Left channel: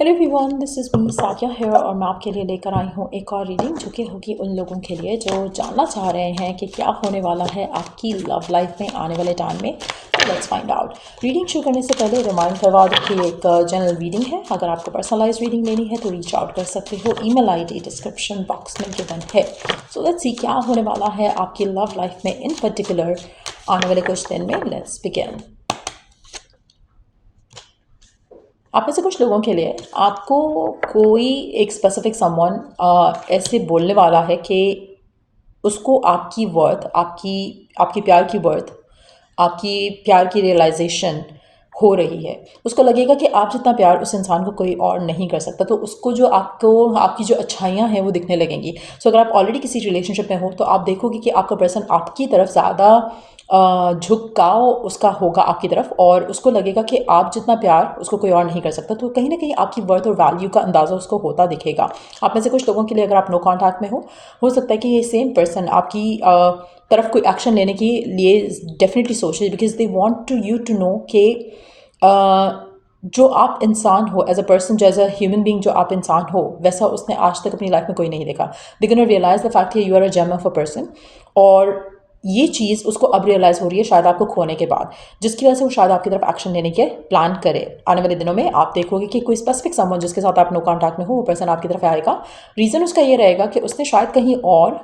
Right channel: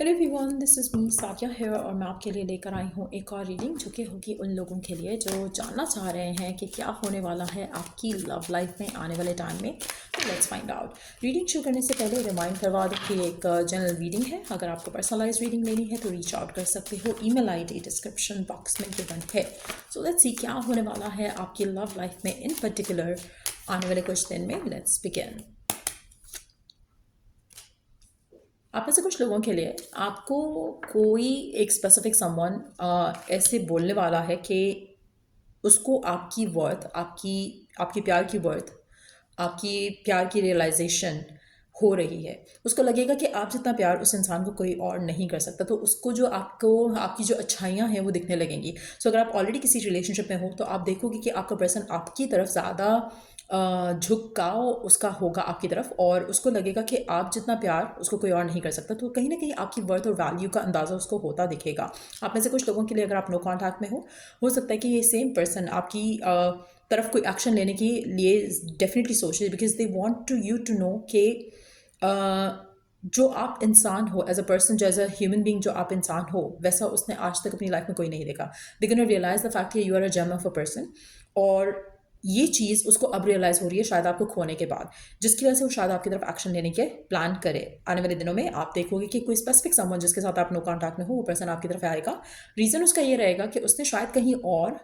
Hello everyone, this is me Saikia है और मैं आपके लिए लेकर आई हूँ एक और रीडिंग जो कि होगी उन लोगों के लिए जो जानना चाह रहे हैं कि क्या होने वाला है आपकी लव लाइफ में आने वाले टाइम में। तो लेट्स फाइंड आउट। रीडिंग शुरू करने से पहले रिमाइंड करवा दूँ कि एक जनरल रीडिंग है। अगर आपको पर्सनलाइज रीडिंग लेनी है तो रीच आउट कर सकते हो। ईमेल आईडी डिस्क्रिप्शन बॉक्स में गिवन है। सो लेट्स सी क्या होने वाला है आपकी लव लाइफ में इन पर्टिकुलर आने वाले कुछ दिन में। Let's begin. आप में से कुछ लोगों के लिए आपको कोई एक स्पेसिफिक समवन ऐसे बोलने वाला है कि उसको आपकी वर्थ, आपकी आपकी प्यार की वर्थ, आपकी प्यार की रियलाइजेशन हो रही है। उसको लगेगा कि आप जितना प्यार उस इंसान को कोई और नहीं कर सकता, तो उसको जो आपको आपकी जो अच्छाइयाँ हैं वो दिखने लगेंगी। सो अगर आप ऑलरेडी किसी रिलेशनशिप में हो तो आप देखोगे कि आपका पर्सन आपकी तरफ ज़्यादा झुकाव उसका होगा आपकी तरफ, और उसको लगेगा कि आप जितना प्यार उसको कोई और नहीं कर सकता। तो कहीं ना कहीं आपकी वर्थ और वैल्यू का अंदाज़ा उसको होता दिखेगा। आप में से कुछ लोगों के लिए अगर आप नो कॉन्टैक्ट में हो सकता है कि ये सेम पर्सन आपकी तरफ कोई एक्शन लेने के लिए डेफिनेटली सोच रहे, because they want to you to know कि जो आप इंसान हो एज अ पर्सन, जो एज अ ह्यूमन बीइंग जो आप इंसान हो, वैसा उसने आज तक अपनी लाइफ में कोई नहीं देखा। They gonna realize the fact कि you are a gem of a person, और ये चीज़ उसको अब रियलाइज़ हो रही है शायद आपको खोने के बाद, जिसकी वजह से वो शायद आपकी तरफ एक्शन लेने के प्लान करे। आने वाले दिनों में आप देखोगे कि कोई स्पेसिफिक समवन जिसके साथ आप नो कॉन्टैक्ट में हो, वो पर्सन आपकी तरफ आएगा। रीज़न उसका ये रहेगा कि उसने शायद कहीं और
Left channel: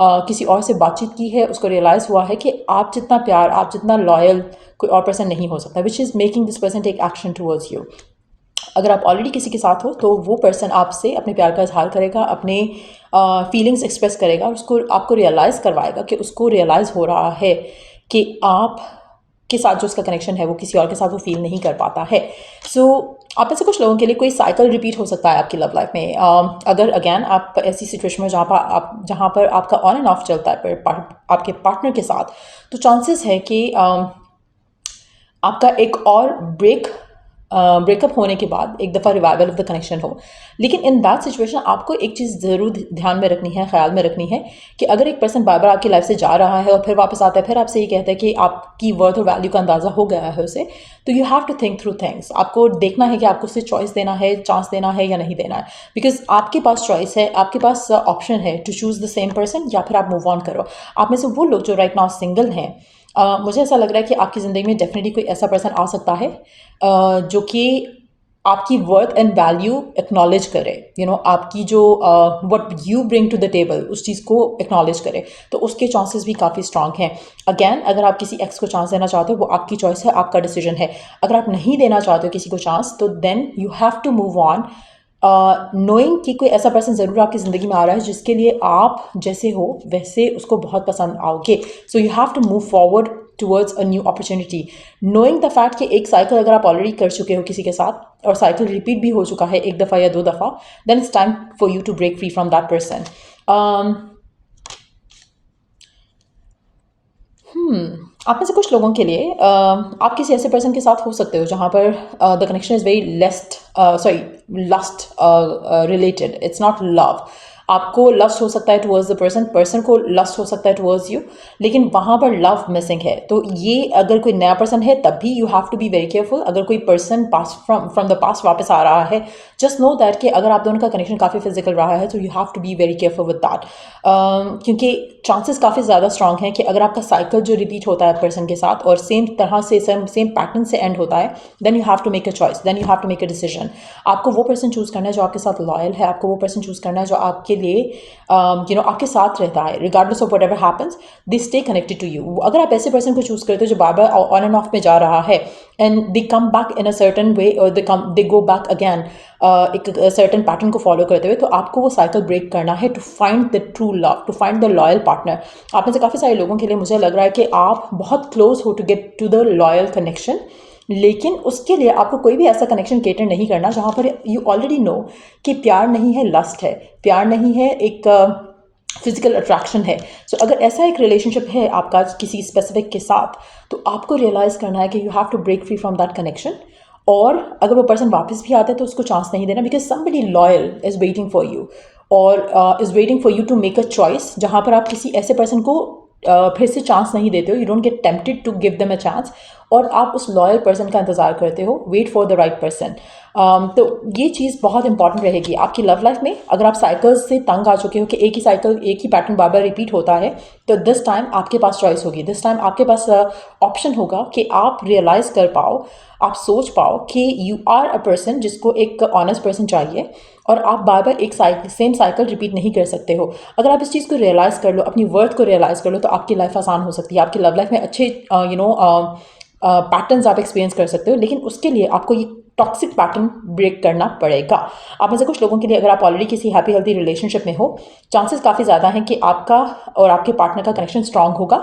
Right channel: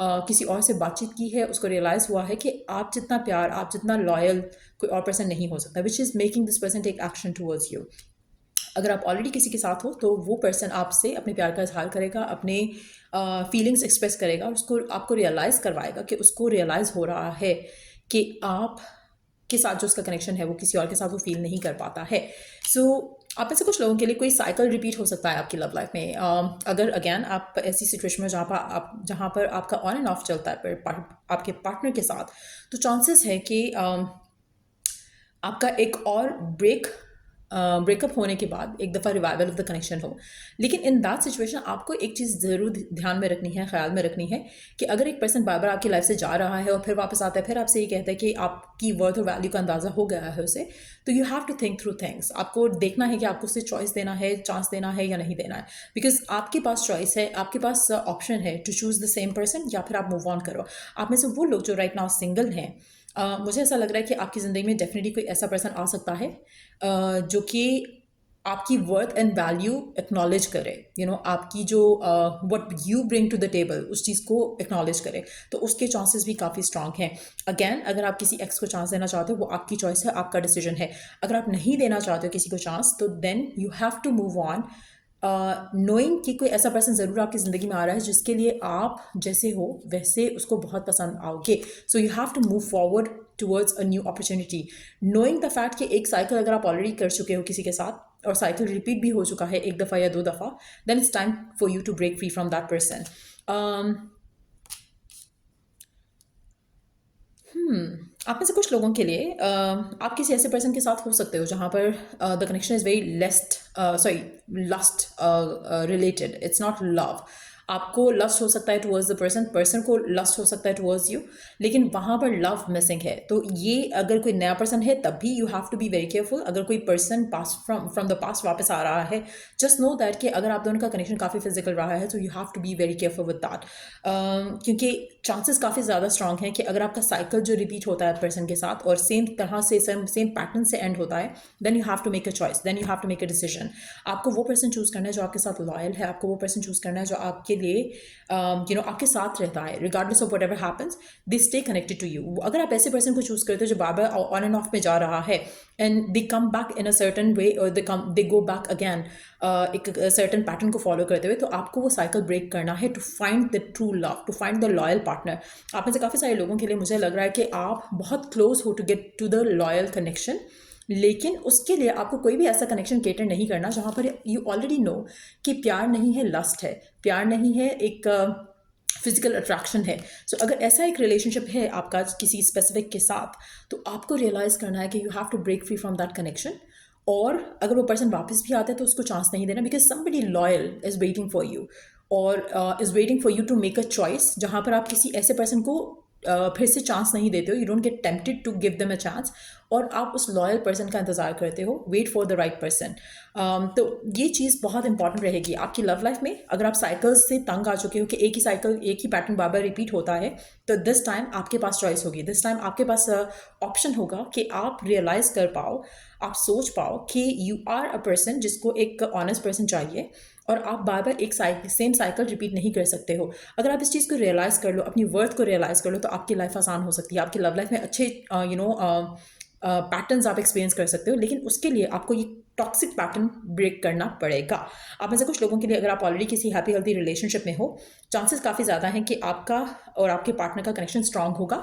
किसी और से बातचीत की है, उसको रियलाइज़ हुआ है कि आप जितना प्यार, आप जितना लॉयल कोई और पर्सन नहीं हो सकता, which is making this person take action towards you. अगर आप ऑलरेडी किसी के साथ हो तो वो पर्सन आपसे अपने प्यार का इजहार करेगा, अपने फीलिंग्स एक्सप्रेस करेगा, और उसको आपको रियलाइज़ करवाएगा कि उसको रियलाइज़ हो रहा है कि आप के साथ जो उसका कनेक्शन है वो किसी और के साथ वो फील नहीं कर पाता है। सो आप में से कुछ लोगों के लिए कोई साइकिल रिपीट हो सकता है आपकी लव लाइफ में। अगर अगेन आप ऐसी सिचुएशन में जहाँ पर आपका ऑन एंड ऑफ चलता है आपके पार्टनर के साथ, तो चांसेस है कि आपका एक और ब्रेकअप होने के बाद एक दफ़ा रिवाइवल ऑफ द कनेक्शन हो। लेकिन इन दैट सिचुएशन आपको एक चीज़ ज़रूर ध्यान में रखनी है, ख्याल में रखनी है, कि अगर एक पर्सन बार बार आपकी लाइफ से जा रहा है और फिर वापस आता है, फिर आपसे ये कहता है कि आपकी वर्थ और वैल्यू का अंदाज़ा हो गया है उसे, तो you have to think through things. आपको देखना है कि आपको उसे चॉइस देना है, चांस देना है या नहीं देना है, बिकॉज आपके पास चॉइस है, आपके पास ऑप्शन है to choose the same person, या फिर आप मूव ऑन करो। आप में से वो लोग जो राइट नाउ सिंगल हैं, मुझे ऐसा लग रहा है कि आपकी ज़िंदगी में डेफिनेटली कोई ऐसा पर्सन आ सकता है जो कि आपकी वर्थ एंड वैल्यू एक्नॉलेज करे, आपकी जो what you bring to the table उस चीज़ को एक्नॉलेज करे। तो उसके चांसेस भी काफ़ी स्ट्रांग हैं। अगैन, अगर आप किसी एक्स को चांस देना चाहते हो, वो आपकी चॉइस है, आपका डिसीजन है। अगर आप नहीं देना चाहते हो किसी को चांस, तो then you have to move on, knowing कि कोई ऐसा पर्सन ज़रूर आपकी ज़िंदगी में आ रहा है जिसके लिए आप जैसे हो वैसे उसको बहुत पसंद आओगे। So you have to move forward towards a new opportunity, knowing the fact कि एक साइकिल अगर आप ऑलरेडी कर चुके हो किसी के साथ और साइकिल रिपीट भी हो चुका है एक दफ़ा या दो दफ़ा, then it's time for you to break free from that person. आप में से कुछ लोगों के लिए आप किसी ऐसे पर्सन के साथ हो सकते हो जहाँ पर the connection is very lust related, it's not love. आपको लस्ट हो सकता है टुवर्ड्स द पर्सन, पर्सन को लस्ट हो सकता है टुवर्ड्स यू, लेकिन वहाँ पर लव मिसिंग है। तो ये अगर कोई नया पर्सन है तब भी you have to be very careful. अगर कोई person pass from the past वापस आ रहा है, जस्ट नो दैट कि अगर आप दोनों का कनेक्शन काफ़ी फिजिकल रहा है तो you have to be very careful with that, क्योंकि चांसेस काफ़ी ज़्यादा स्ट्रांग हैं कि अगर आपका साइकिल जो रिपीट होता है पर्सन के साथ और सेम तरह से सेम पैटर्न से एंड होता है, then you have to make a choice, then you have to make a decision. आपको वो पर्सन चूज़ करना है जो आपके साथ लॉयल है, आपको वो पर्सन चूज़ करना है जो आपके लिए आपके साथ रहता है, regardless of what ever happens, they stay connected to you. अगर आप ऐसे पर्सन को चूज़ करते हो जो बार बार ऑन एंड ऑफ में जा रहा है and they come back in a certain way, और दे गो बैक अगैन एक सर्टन पैटर्न को फॉलो करते हुए, तो आपको वो साइकिल ब्रेक करना है to find the true love, to find the loyal partner. आप में से काफ़ी सारे लोगों के लिए मुझे लग रहा है कि आप बहुत क्लोज हो to get to the loyal connection, लेकिन उसके लिए आपको कोई भी ऐसा कनेक्शन केटर नहीं करना जहाँ पर यू ऑलरेडी नो कि प्यार नहीं है, लस्ट है, प्यार नहीं है, एक फिजिकल अट्रैक्शन है। सो अगर ऐसा एक रिलेशनशिप है आपका किसी स्पेसिफिक के साथ, तो आपको रियलाइज़ करना है कि you have to break free from that connection. और अगर वो पर्सन वापस भी आता है तो उसको चांस नहीं देना, because somebody loyal is waiting for you, और is waiting for you to make a choice, जहाँ पर आप किसी ऐसे पर्सन को फिर से चांस नहीं देते हो, you don't get tempted to give them a chance, और आप उस लॉयल पर्सन का इंतज़ार करते हो, wait for the right person. तो ये चीज़ बहुत इंपॉर्टेंट रहेगी आपकी लव लाइफ में। अगर आप साइकिल्स से तंग आ चुके हो कि एक ही साइकिल, एक ही पैटर्न बार बार रिपीट होता है, तो दिस टाइम आपके पास चॉइस होगी, दिस टाइम आपके पास ऑप्शन होगा कि आप रियलाइज़ कर पाओ, आप सोच पाओ कि यू आर अ पर्सन जिसको एक ऑनेस्ट पर्सन चाहिए, और आप बार बार एक सेम साइकिल रिपीट नहीं कर सकते हो। अगर आप इस चीज़ को रियलाइज़ कर लो, अपनी वर्थ को रियलाइज़ कर लो, तो आपकी लाइफ आसान हो सकती है, आपकी लव लाइफ में अच्छे पैटर्न्स आप एक्सपीरियंस कर सकते हो। लेकिन उसके लिए आपको ये टॉक्सिक पैटर्न ब्रेक करना पड़ेगा। आप में से कुछ लोगों के लिए, अगर आप ऑलरेडी किसी हैप्पी हेल्थी रिलेशनशिप में हो, चांसेस काफ़ी ज़्यादा हैं कि आपका और आपके पार्टनर का कनेक्शन स्ट्रांग होगा।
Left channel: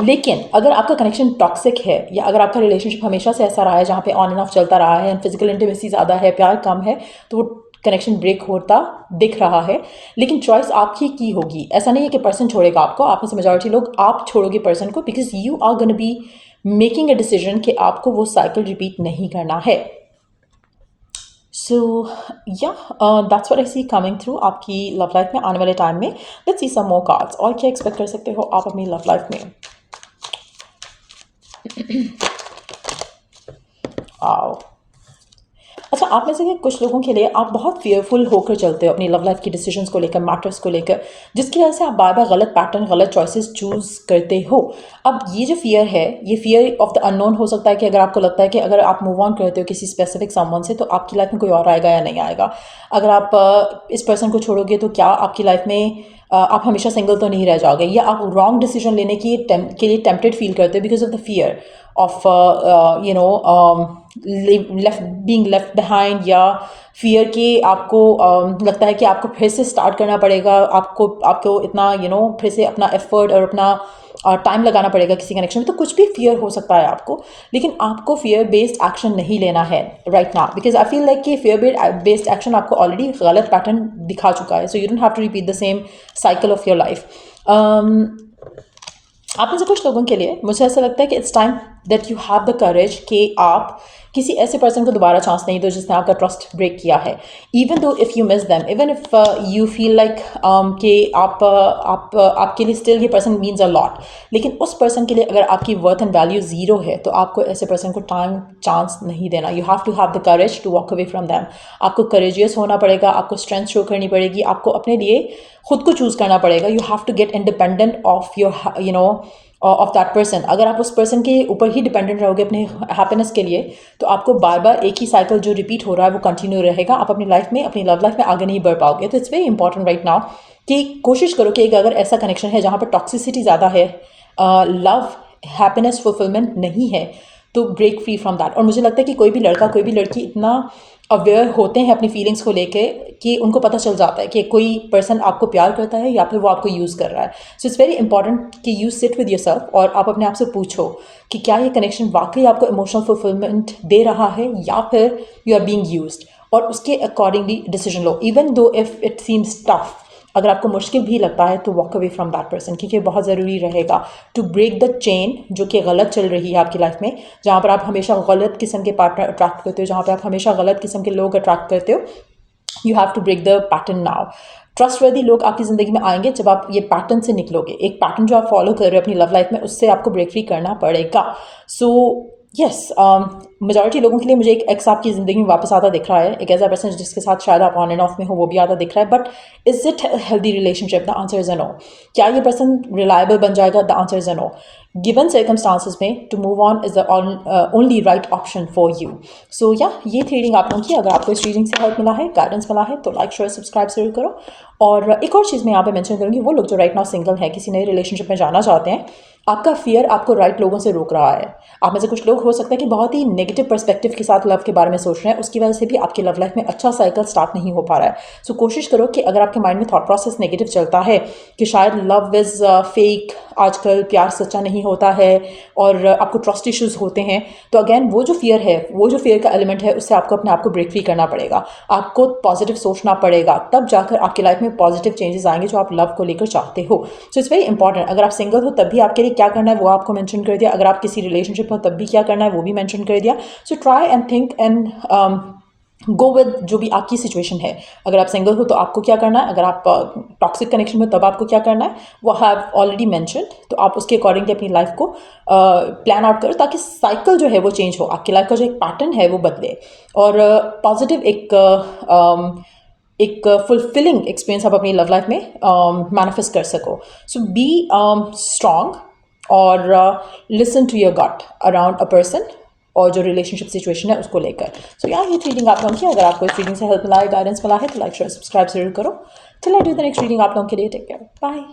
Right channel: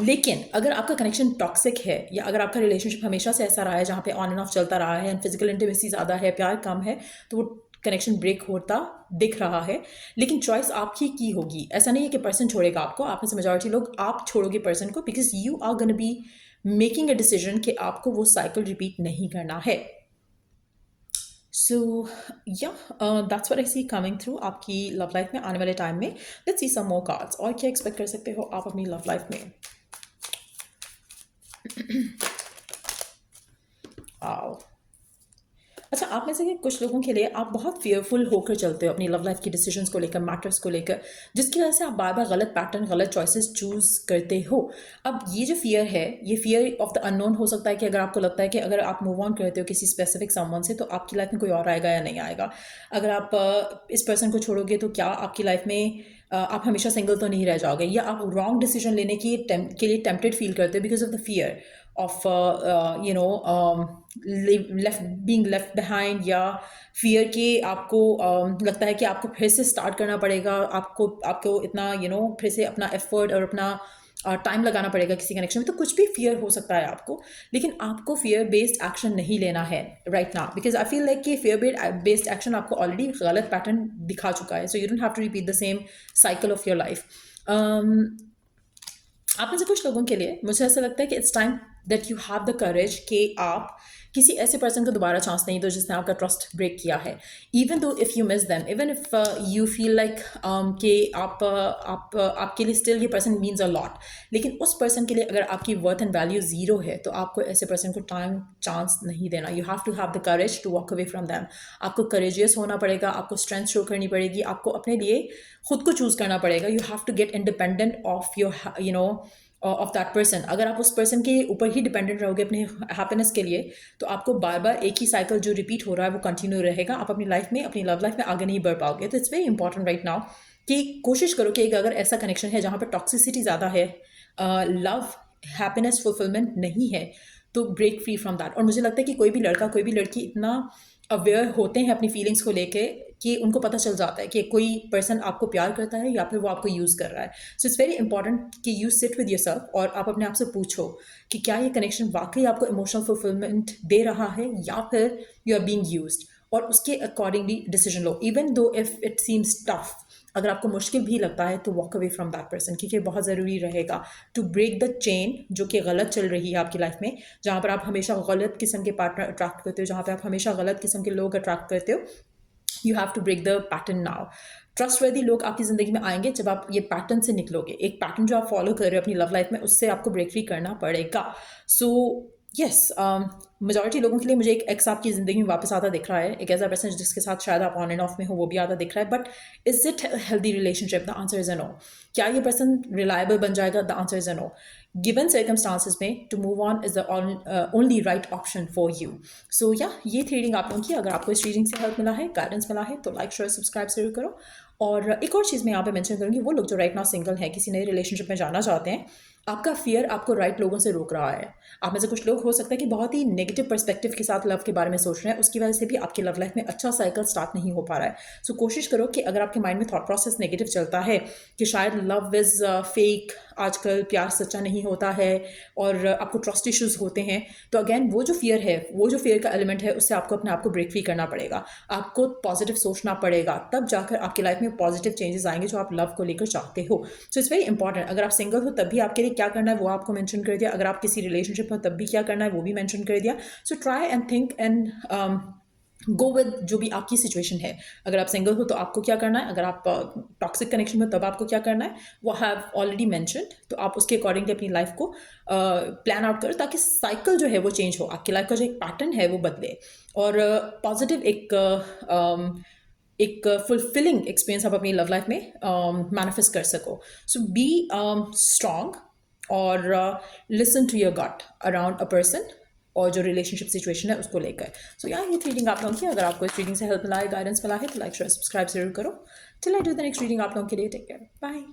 लेकिन अगर आपका कनेक्शन टॉक्सिक है, या अगर आपका रिलेशनशिप हमेशा से ऐसा रहा है जहाँ पे ऑन एंड ऑफ चलता रहा है, फिजिकल इंटीमेसी ज़्यादा है, प्यार कम है, तो वो कनेक्शन ब्रेक होता दिख रहा है। लेकिन चॉइस आपकी की होगी। ऐसा नहीं है कि पर्सन छोड़ेगा आपको, आप में से मेजॉरिटी लोग आप छोड़ोगे पर्सन को, because you are gonna be making a decision कि आपको वो साइकिल रिपीट नहीं करना है। सो या that's what I see coming through आपकी लव लाइफ में आने वाले टाइम में। Let's see some more cards, और क्या एक्सपेक्ट कर सकते हो आप अपनी लव लाइफ में। आओ, अच्छा, आप में से कुछ लोगों के लिए आप बहुत फियरफुल होकर चलते हो अपनी लव लाइफ की डिसीजंस को लेकर, मैटर्स को लेकर, जिसकी वजह से आप बार बार गलत पैटर्न, गलत चॉइसेस चूज़ करते हो। अब ये जो फियर है, ये फियर ऑफ द अननोन हो सकता है कि अगर आपको लगता है कि अगर आप मूव ऑन करते हो किसी स्पेसिफिक समवन से, तो आपकी लाइफ में कोई और आएगा या नहीं आएगा। अगर आप इस पर्सन को छोड़ोगे तो क्या आपकी लाइफ में आप हमेशा सिंगल तो नहीं रह जाओगे, या आप रॉन्ग डिसीजन लेने के लिए टेम्पटेड फील करते हो because of the fear of being left behind, या फियर कि आपको लगता है कि आपको फिर से स्टार्ट करना पड़ेगा, आपको इतना फिर से अपना एफर्ट और अपना टाइम लगाना पड़ेगा किसी कनेक्शन में। तो कुछ भी फियर हो सकता है आपको, लेकिन आपको फियर बेस्ड एक्शन नहीं लेना है right now, because I feel like कि फियर बेस्ड एक्शन आपको ऑलरेडी गलत पैटर्न दिखा चुका है। So you don't have to repeat the same cycle of your life. आप में से कुछ लोगों के लिए मुझे ऐसा लगता है कि it's time that you have the करेज कि आप किसी ऐसे पर्सन को दोबारा चांस नहीं दो जिसने आपका ट्रस्ट ब्रेक किया है। Even though if you miss them, even if you feel like कि आपके लिए स्टिल ये पर्सन मीन्स अ लॉट, लेकिन उस पर्सन के लिए अगर आपकी वर्थ एंड वैल्यू ज़ीरो है, तो आपको ऐसे पर्सन को टाइम चांस नहीं देना। You have the courage to walk away from them. आपको करेजियस होना पड़ेगा, आपको स्ट्रेंथ शो करनी पड़ेगी, आपको अपने लिए खुद को चूज़ करना पड़ेगा। You have to get independent of your of that person. अगर आप उस पर्सन के ऊपर ही डिपेंडेंट रहोगे अपने हैप्पीनेस के लिए, तो आपको बार बार एक ही साइकिल जो रिपीट हो रहा है वो कंटिन्यू रहेगा। आप अपनी लाइफ में, अपनी लव लाइफ में आगे नहीं बढ़ पाओगे। तो it's very important right now कि कोशिश करो कि अगर ऐसा कनेक्शन है जहाँ पर टॉक्सिसिटी ज़्यादा है, लव, हैप्पीनेस, फुलफिलमेंट नहीं है, तो ब्रेक फ्री फ्रॉम दैट। और मुझे लगता है कि कोई भी लड़का, कोई भी लड़की इतना अवेयर होते हैं अपनी फीलिंग्स को लेके कि उनको पता चल जाता है कि कोई पर्सन आपको प्यार करता है या फिर वो आपको यूज़ कर रहा है। सो इट्स वेरी इंपॉर्टेंट कि यू सिट विद योरसेल्फ और आप अपने आप से पूछो कि क्या ये कनेक्शन वाकई आपको इमोशनल फुलफिलमेंट दे रहा है, या फिर यू आर बीइंग यूज्ड, और उसके accordingly decision low. Even though if it seems tough, अगर आपको मुश्किल भी लगता है, तो walk away from that person, क्योंकि बहुत ज़रूरी रहेगा टू ब्रेक द चेन जो कि गलत चल रही है आपकी लाइफ में, जहाँ पर आप हमेशा गलत किस्म के पार्टनर अट्रैक्ट करते हो, जहाँ पर आप हमेशा गलत किस्म के लोग अट्रैक्ट करते हो। You have to break the pattern now. Trustworthy लोग आपकी ज़िंदगी में आएंगे जब आप ये पैटर्न से निकलोगे। एक पैटर्न जो आप फॉलो कर रहे हो अपनी लव लाइफ में, उससे आपको ब्रेक फ्री करना पड़ेगा। सो यस, मेजॉरिटी लोगों के लिए मुझे एक एक्स आपकी ज़िंदगी में वापस आता दिख रहा है, एक ऐसा पर्सन जिसके साथ शायद आप ऑन एंड ऑफ में हो, वो भी आता दिख रहा है। But is it healthy relationship? The answer is a no. क्या ये पर्सन रिलायबल बन जाएगा? The answer is a no. Given circumstances में to move on is the only right option for you. So yeah, ये थी reading आप लोगों की। अगर आपको इस रीडिंग से हेल्प मिला है, गाइडेंस मिला है, तो लाइक, शेयर, सब्सक्राइब जरूर करो। और एक और चीज़ मैं यहाँ पे मेंशन करूँगी, वो लोग जो राइट नाउ सिंगल हैं, किसी नए रिलेशनशिप में जाना चाहते हैं, आपका फियर आपको राइट लोगों से रोक रहा है। आप में से कुछ लोग हो सकता है कि बहुत ही नेगेटिव पर्सपेक्टिव के साथ लव के बारे में सोच रहे हैं, उसकी वजह से भी आपकी लव लाइफ में अच्छा साइकिल स्टार्ट नहीं हो पा रहा है। सो कोशिश करो कि अगर आपके माइंड में थॉट प्रोसेस नेगेटिव चलता है कि शायद लव इज़ फेक, आजकल प्यार सच्चा नहीं होता है, और आपको ट्रस्ट इश्यूज़ होते हैं, तो अगेन वो जो फियर है, वो जो फियर का एलिमेंट है, उससे आपको अपने आप को ब्रेक फ्री करना पड़ेगा। आपको पॉजिटिव सोचना पड़ेगा, तब जाकर आपकी लाइफ में पॉजिटिव चेंजेस आएंगे जो आप लव को लेकर चाहते हो। So it's very important. अगर आप सिंगल हो तब भी आपके लिए क्या करना है वो आपको मेंशन कर दिया, अगर आप किसी रिलेशनशिप हो तब भी क्या करना है वो भी मेंशन कर दिया। So try and think and go with जो भी आपकी सिचुएशन है। अगर आप सिंगल हो तो आपको क्या करना है, अगर आप टॉक्सिक कनेक्शन में तब आपको क्या करना है, वो हैव ऑलरेडी मैंशनड। तो आप उसके अकॉर्डिंगली अपनी लाइफ को प्लान आउट करो ताकि साइकिल जो है वो चेंज हो, आपकी लाइफ का जो एक पैटर्न है वो बदले और पॉजिटिव एक फुलफिलिंग एक्सपीरियंस आप अपनी लव लाइफ में मैनिफेस्ट कर सको। सो बी स्ट्रांग और listen to your gut around a person और जो रिलेशनशिप सिचुएशन है उसको लेकर। सो यार ये रीडिंग आप लोगों की, अगर आपको इस रीडिंग से हेल्प मिला है, गाइडेंस मिला है, तो लाइक शेयर सब्सक्राइब जरूर करो। Till I do the next reading आप लोगों के लिए टेक केयर, बाय।